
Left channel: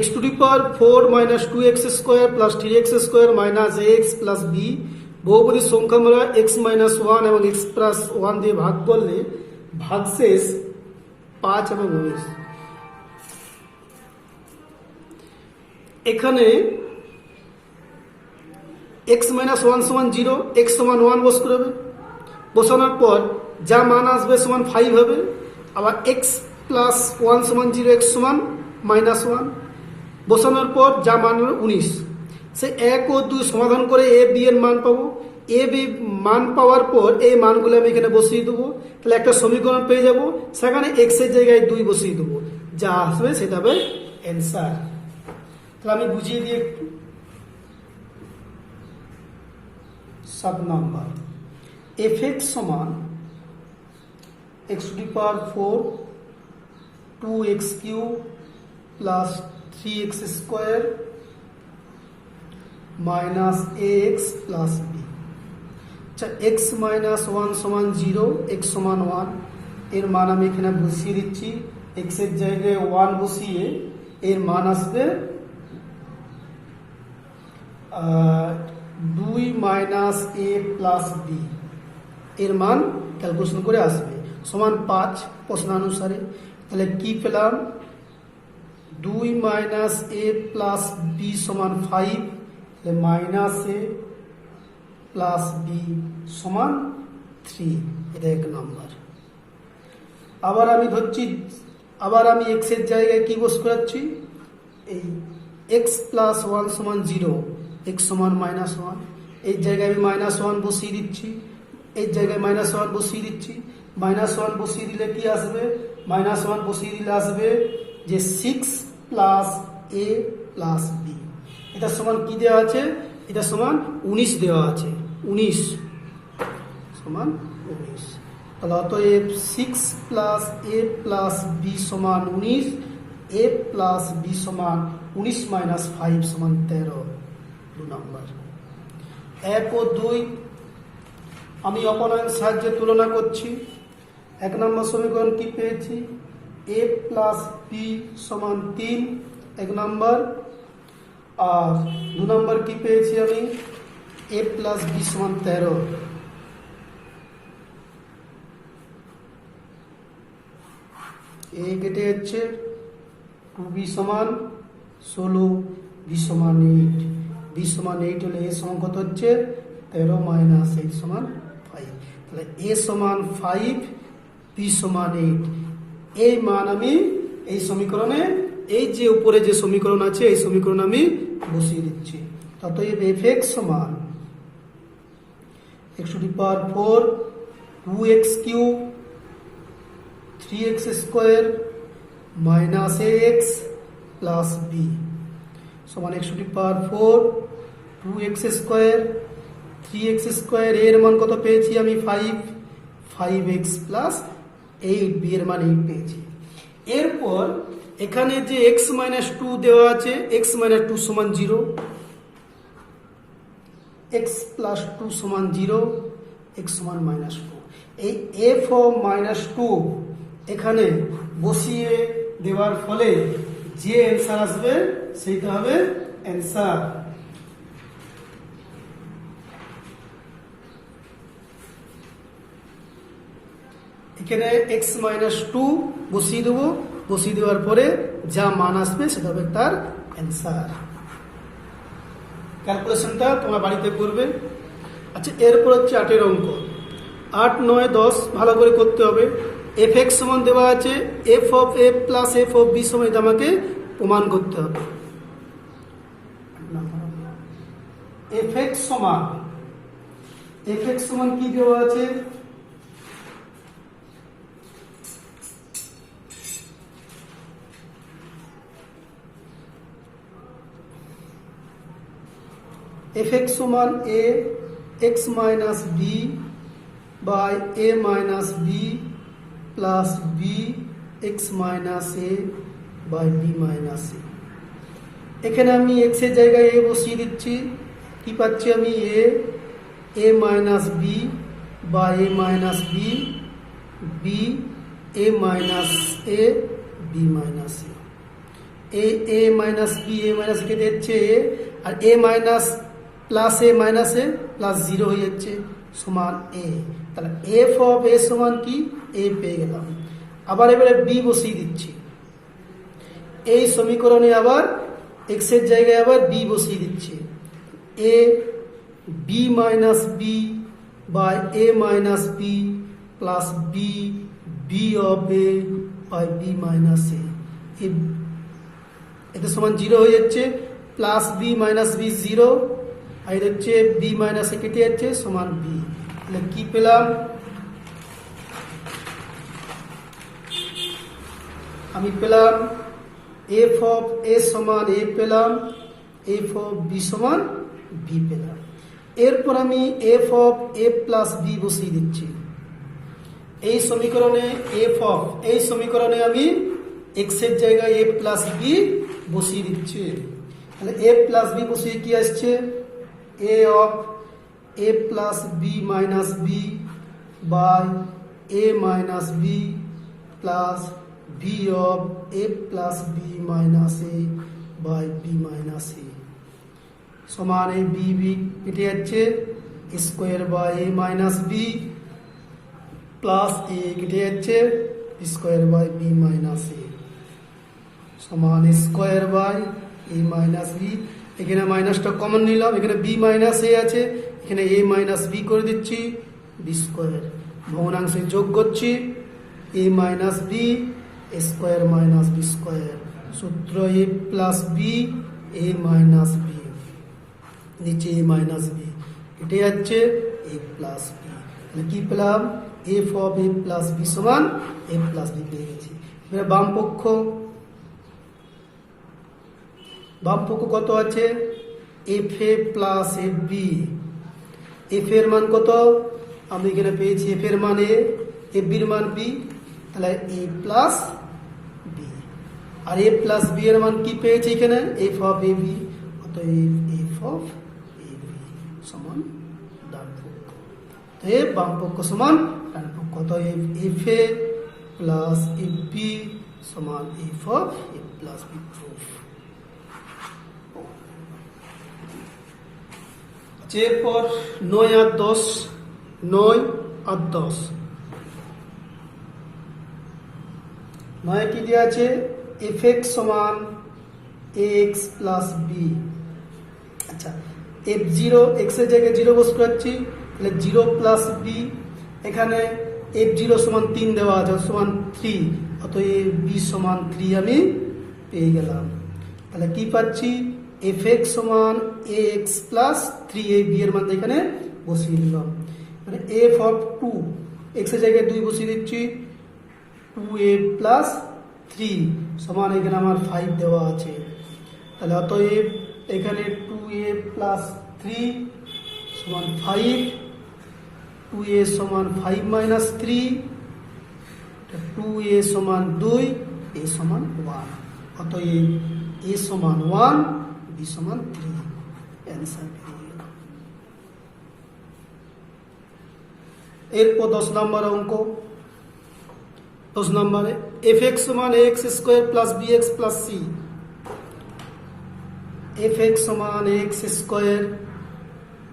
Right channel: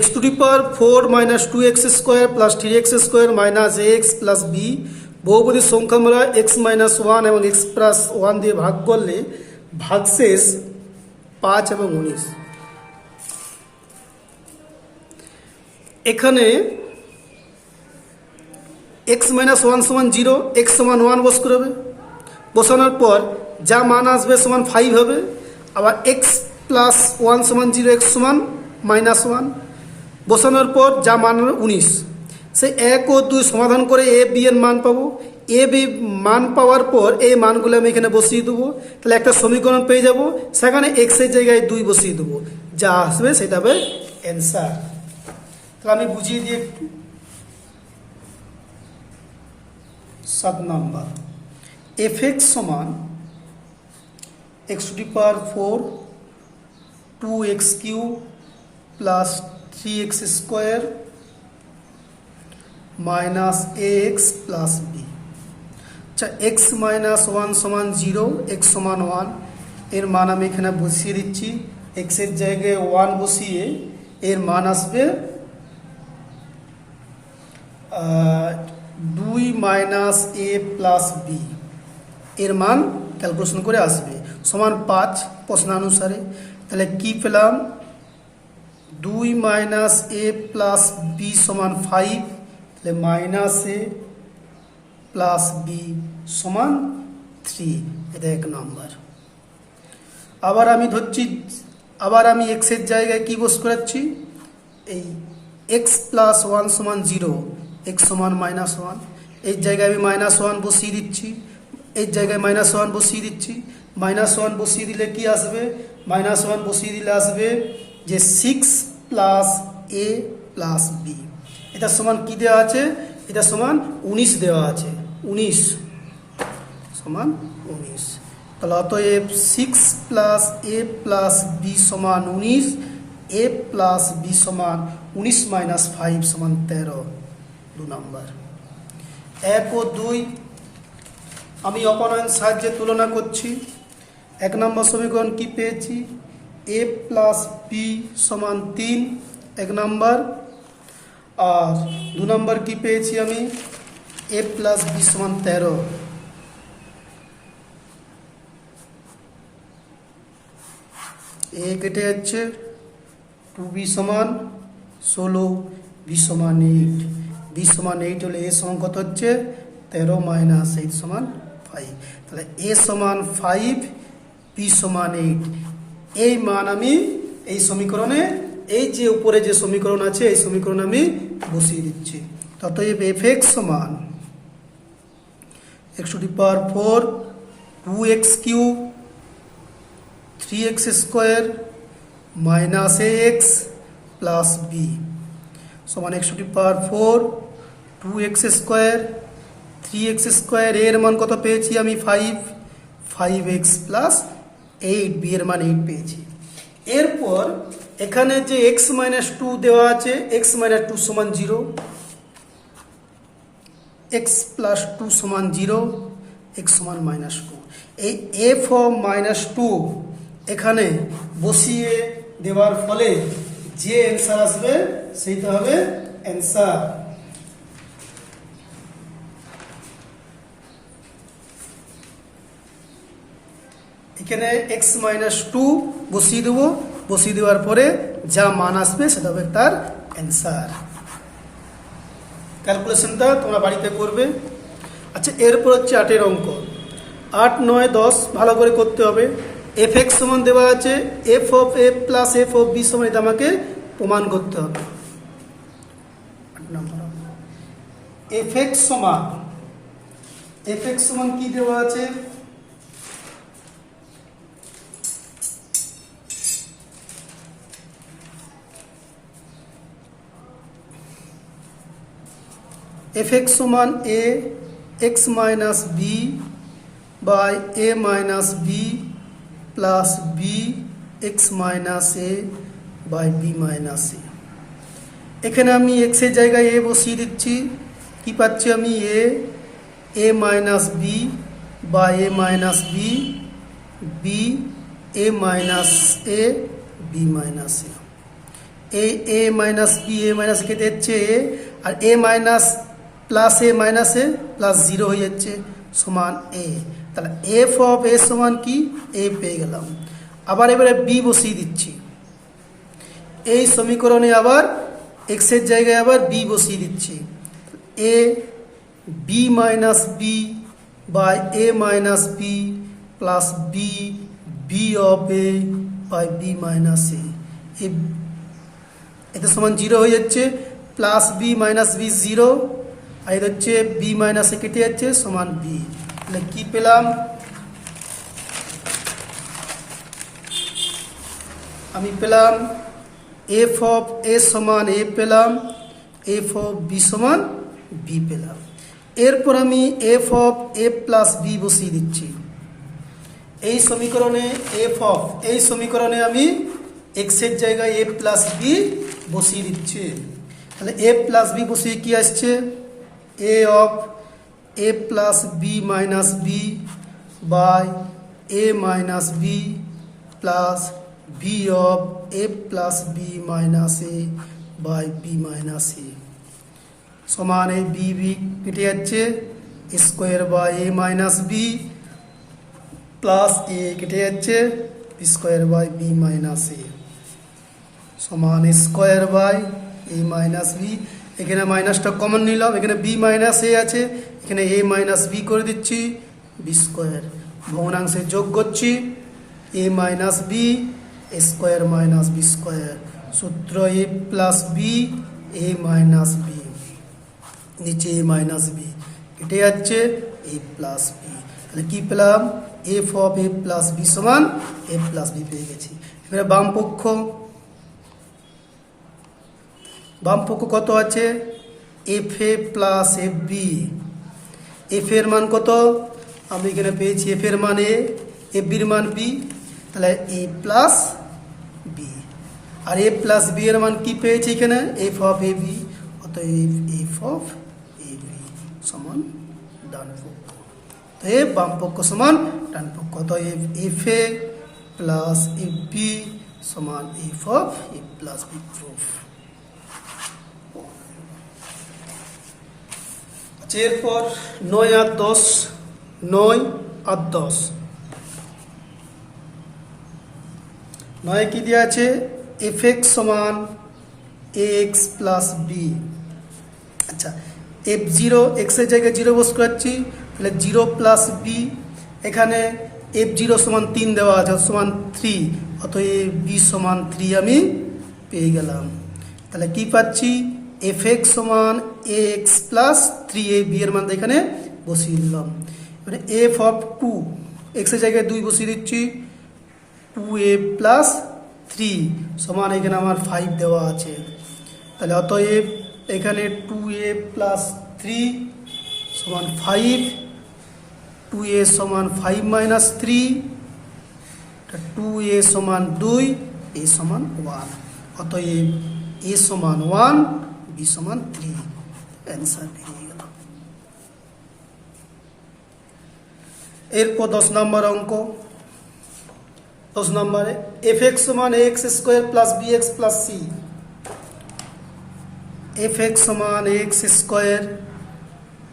x to the power 4 minus 2x square plus 3x square minus ax plus b বহুপদী সংখ্যামালা x মাইনাস 1 এবং x প্লাস 1 দিয়ে ভাগ করলে ভাগশেষ 5 এবং 19। এখানে x মাইনাস 1 সমান 0, x সমান 1 বসতে হবে, বসানোর পর যা মান আসবে সমান 5 হবে। আবার x প্লাস 1 সমান 0, x সমান মাইনাস 1 বসানোর পর যা মান হবে 19। সে 1 ও 2 সমাধান করে এ বি এর মান পাবো। এ বি মান পাওয়ার পর এই মানগুলো আমি এখানে বসিয়ে দেবো, তাহলে একটা সমীকরণ পেয়ে যাব। সেখানে x এর জায়গায় 2 বসিয়ে দেবো, যা আসবে সেটা হবে অ্যান্সার। তাহলে আমি বুঝিয়ে দিই একটু। 7 নম্বর, fx সমান x to the power 4 2x cube plus 3x square minus A X plus B. আচ্ছা, এক্স মাইনাস ওয়ান সমান জিরো, এক্স সমান ওয়ান, এর মান আমি এখানে বসিয়ে দিচ্ছি। এক্সের জায়গায় ওয়ান বসিয়ে এর মান আসবে 2 মাইনাস এ প্লাস বি, এর মান ক্যালকুলেশন করে আসবে সমান 5 প্রশ্নানুসারে। তাহলে কি পেলাম? 2 মাইনাস এ প্লাস বি সমান 5, তাহলে মাইনাস এ প্লাস বি সমান 3, এটা 1 নম্বর। আবার আমি ধরছি, আবার আমি এক্সের জায়গায় কি বস করাচ্ছি, এই এক্স প্লাস ওয়ান সমান 0, এক্স সমান মাইনাস ওয়ান, এই জায়গায় আমি মাইনাস ওয়ান বসিয়ে দিচ্ছি, এই জায়গায় মাইনাস ওয়ান বসিয়ে দিচ্ছি। মাইনাস ওয়ান বসিয়ে দিলে কি আসবে? মাইনাস ওয়ান বসিয়ে দিলে আসবে যে 6 প্লাস এ প্লাস বি, এটা সমান কি দেওয়া আছে? এটা সমান 19 দেওয়া আছে, 19 সমান 19। তাহলে অতএব 6 প্লাস এ প্লাস বি সমান 19, এ প্লাস বি সমান 19 মাইনাস 5 সমান 13, 2 নম্বর। 1 ও 2 আমি অপনয়ন সাহায্যে তুলনা করছি। 1 নম্বর সমীকরণ কি পেয়েছি? এ প্লাস বি সমান 3, 1 নম্বর। আর 2 নম্বর কি পেয়েছি আমি? এ প্লাস বি সমান 13। এ কেটে যাচ্ছে, 2b সমান 16, বি সমান 8, বি সমান 8 হলে এ সমান কত হচ্ছে? 13 মাইনাস 8 সমান 5, তাহলে এ সমান 5, বি সমান 8। এই মান আমি এই সমীকরণে, এই যে উপরে যে সমীকরণ আছে এই সমীকরণ আমি বসিয়ে দিচ্ছি। অতএব এফ এক্স সমান x to the power 4 2x cube 3x square minus ax plus b সমান x to the power 4 2x square 3x square, এর মান কত পেয়েছি আমি? 5x plus 8, b এর মান 8 পেয়েছি। এরপর এখানে যে x minus 2 দেওয়া আছে, x minus 2 সমান 0, x plus 2 সমান 0, x সমান minus 2। এই f of minus 2 এখানে বসিয়ে দেওয়ার ফলে যে অ্যান্সার আসবে সেইটা হবে অ্যান্সার। এখানে x minus 2 বসিয়ে দেবো, বসিয়ে দেওয়ার পরে যা মান আসবে সেটা হবে তার অ্যান্সার। ক্যালকুলেশনটা তোমরা বাড়িতে করবে। আচ্ছা, এরপর হচ্ছে 8 অঙ্ক। 8, 9, 10 ভালো করে করতে হবে। এফ এক্স সমান দেওয়া আছে F of A plus F of B সমান, এটা আমাকে প্রমাণ করতে হবে। এফ এক্স সমান কি দেওয়া আছে? এফ এক্স সমান A X minus B by A minus B plus B X minus A by B minus A. এখানে আমি এক্স এর জায়গায় এ বসিয়ে দিচ্ছি। কি পাচ্ছি আমি? A minus B by A minus B, B A minus A B minus A. A minus B A minus কেটে যাচ্ছে এ, আর A minus plus A minus A plus 0 হয়ে যাচ্ছে সমান এ। তাহলে এফ অফ এ সমান কি? এ পেয়ে গেলাম। আবার এবারে বি বসিয়ে দিচ্ছি। এই সমীকরণে আবার এক্স এর জায়গায় আবার বি বসিয়ে দিচ্ছি। A B minus B by A minus B plus B B of A by B minus A. এটা সমান 0 হয়ে যাচ্ছে, প্লাস বি মাইনাস বি 0, আর এটা হচ্ছে বি মাইনাস এ কেটে যাচ্ছে সমান বি। তাহলে কি পেলাম? আমি পেলাম এফ অফ এ সমান এ পেলাম, এফ অফ বি সমান বি পেলাম। এরপর আমি F of A plus B বসিয়ে দিচ্ছি। এই সমীকরণে আমি এক্স এর জায়গায় এ প্লাস বি বসিয়ে দিচ্ছি। তাহলে এ প্লাস বি বসিয়ে কি আসছে? A of A plus B minus B by A minus B plus B of A plus B minus A by B minus A সমান এই বি বি কেটে যাচ্ছে square by A minus B plus A কেটে যাচ্ছে square by B minus A সমান square by A minus B. এখানে মাইনাসটা common নিলাম, এখানে বি মাইনাস এ আছে, এখানে এ মাইনাস বি করে দিচ্ছি বি স্কোয়ার, ভগ্নাংশে যোগ করছি A minus B square minus B square, সূত্র A plus B A minus B, নিচে এ মাইনাস বি কেটে যাচ্ছে এ প্লাস বি। তাহলে কি পেলাম? F of A plus B সমান এ প্লাস বি পেয়ে গেছি। এবারে বাম পক্ষ কত আছে? F A plus F B. F এর মান কত? আমি এখানে পেয়েছি এফ এর মান এ, এফ বির মান বি, তাহলে এ প্লাস বি। আর এ প্লাস বি এর মান কি পেয়েছি এখানে? এফ অফ এ বি, অতএব এফ অফ এ বি সমান ডান পক্ষ। অতএব বাম পক্ষ সমান ডান পক্ষ, অতএব F A plus F B সমান F of A plus B proof. এরপর 9 আর 10, 9 আর 10। 9 কি দেওয়া আছে? এফ এক্স সমান এ এক্স প্লাস বি। আচ্ছা, এফ জিরো এক্সের জায়গায় জিরো বস করাচ্ছি, তাহলে জিরো প্লাস বি, এখানে এফ জিরো সমান 3 দেওয়া আছে সমান 3, অতএব বি সমান 3 আমি পেয়ে গেলাম। তাহলে কি পাচ্ছি? এফ এক্স সমান A X plus 3 A B এর মান এখানে বসিয়ে দিলাম। মানে এফ অফ 2 এক্সের জায়গায় 2 বসিয়ে দিচ্ছি, 2a প্লাস 3 সমান এখানে আমার 5 দেওয়া আছে। তাহলে অতএব এখানে 2a প্লাস 3 সমান 5, 2a সমান 5 মাইনাস 3, 2a সমান 2, a সমান 1, অতএব a সমান 1 b সমান 3। অ্যান্সার পেয়ে গেল। এরপর 10 নম্বর অঙ্ক। 10 নম্বরে এফ এক্স সমান A X square plus B X plus C. F X সমান A X square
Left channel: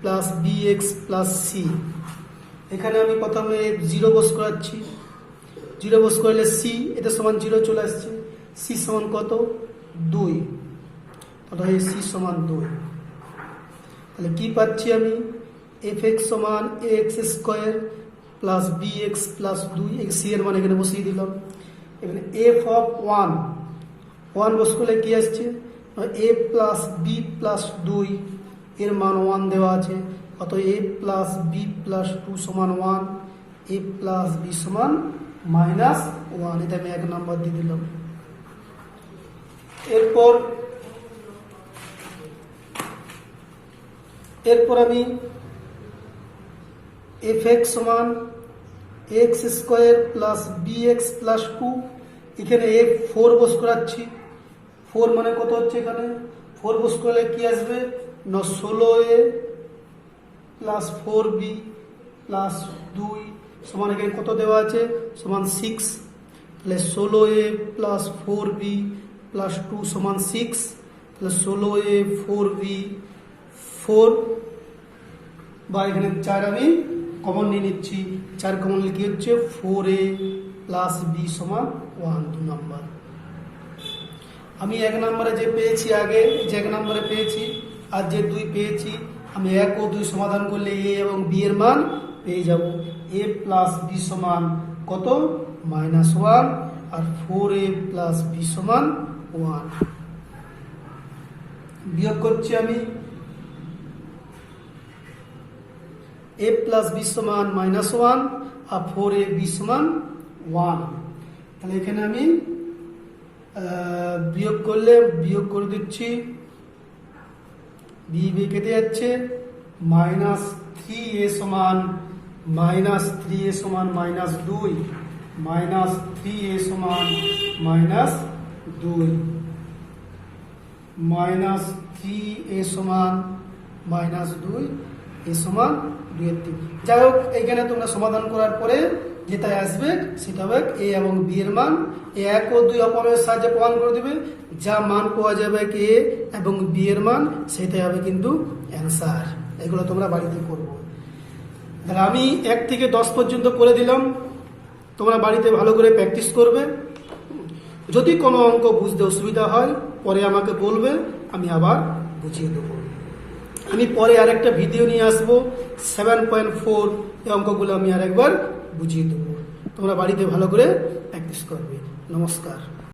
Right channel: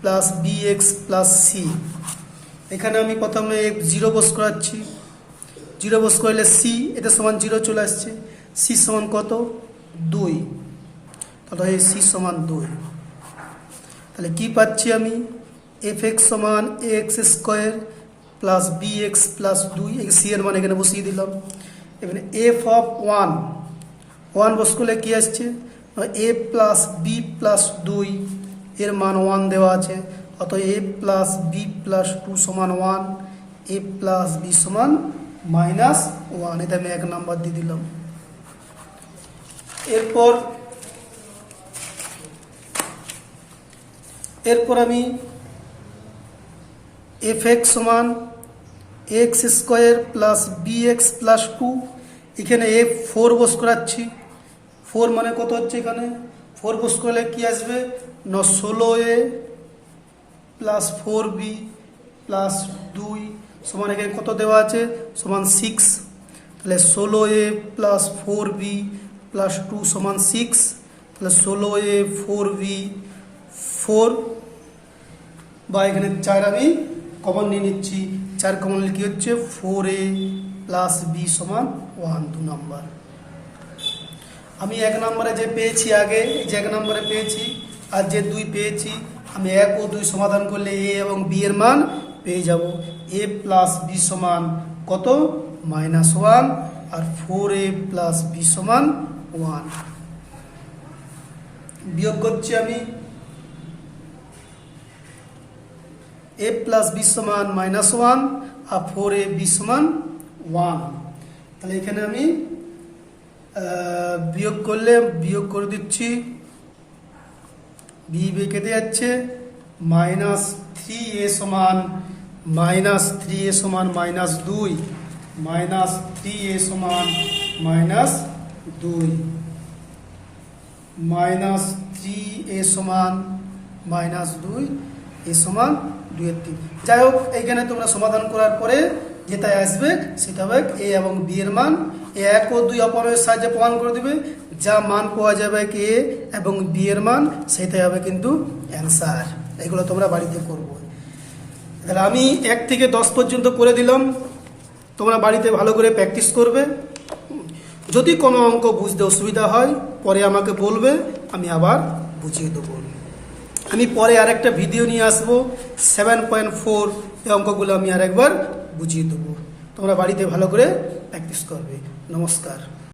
plus B X plus C. এখানে আমি প্রথমে 0 বস করাচ্ছি, 0 বস করলে সি এটা সমান 0 চলে আসছে, সি সমান কত? 2, তাহলে সি সমান 2। তাহলে কি পাচ্ছি আমি? এফ এক্স সমান A X square plus B X plus 2, C এর মান এখানে বসিয়ে দিলাম। এখানে এফ অফ 1 বস করলে কি আসছে? এ প্লাস বি প্লাস 2 এর মান 1 দেওয়া আছে, অতএব এ প্লাস বি প্লাস 2 সমান 1, এ প্লাস বি সমান মাইনাস 1, এটা আমি 1 নাম্বার দিয়ে দিলাম। এরপর আমি এফ এক্স সমান X square plus B X plus 2, এখানে এফ 4 বস করাচ্ছি। 4 মানে কত হচ্ছে? এখানে 4 বস করলে কি আসবে? 16a প্লাস 4b প্লাস 2 সমান এখানে কত দেওয়া আছে? সমান 6। তাহলে 16a প্লাস 4b প্লাস 2 সমান 6, তাহলে 16a 4b 4 বা এখানে 4 আমি কমন নিয়ে নিচ্ছি, 4 কমন নিলে কি হচ্ছে? 4a প্লাস বি সমান 1, 2 নম্বর। আমি 1 নম্বরে যে পেয়েছি আগে, যে 1 নম্বরে পেয়েছি আর যে 2 পেয়েছি, আমি 1 ও 2 সমাধান করলে এ এবং বি এর মান পেয়ে যাব। এ প্লাস বি সমান কত? -1, আর 4a প্লাস বি সমান 1। বিয়োগ করছি আমি, a প্লাস বি সমান -1 আর 4a বি সমান 1। তাহলে এখানে আমি বিয়োগ করলে বিয়োগ করে দিচ্ছি, বি কেটে যাচ্ছে, -3a সমান -3a সমান -2, -3a সমান -2, -3a সমান -2 এ সমান 2/3। যাই হোক, এইখানে তোমরা সমাধান করার পরে যেটাই আসবে সেটা হবে এ এবং বি এর মান। 1 ও 2 অপরের সাহায্যে প্রমাণ করে দিবে, যা মান পাওয়া যাবে এ এবং বি এর মান, সেটাই হবে কিন্তু অ্যান্সার। এগুলো তোমরা বাড়িতে করবো। তাহলে আমি 1 থেকে 10 পর্যন্ত করে দিলাম, তোমরা বাড়িতে ভালো করে প্র্যাকটিস করবে। যদি কোনো অঙ্ক বুঝতে অসুবিধা হয় পরে আমাকে বলবে, আমি আবার বুঝিয়ে দেবো। আমি পরে আরেকটা ভিডিও নিয়ে আসবো 7.4, এই অঙ্কগুলো আমি আরেকবার বুঝিয়ে দেবো। তোমরা বাড়িতে ভালো করে প্র্যাকটিস করবে। নমস্কার।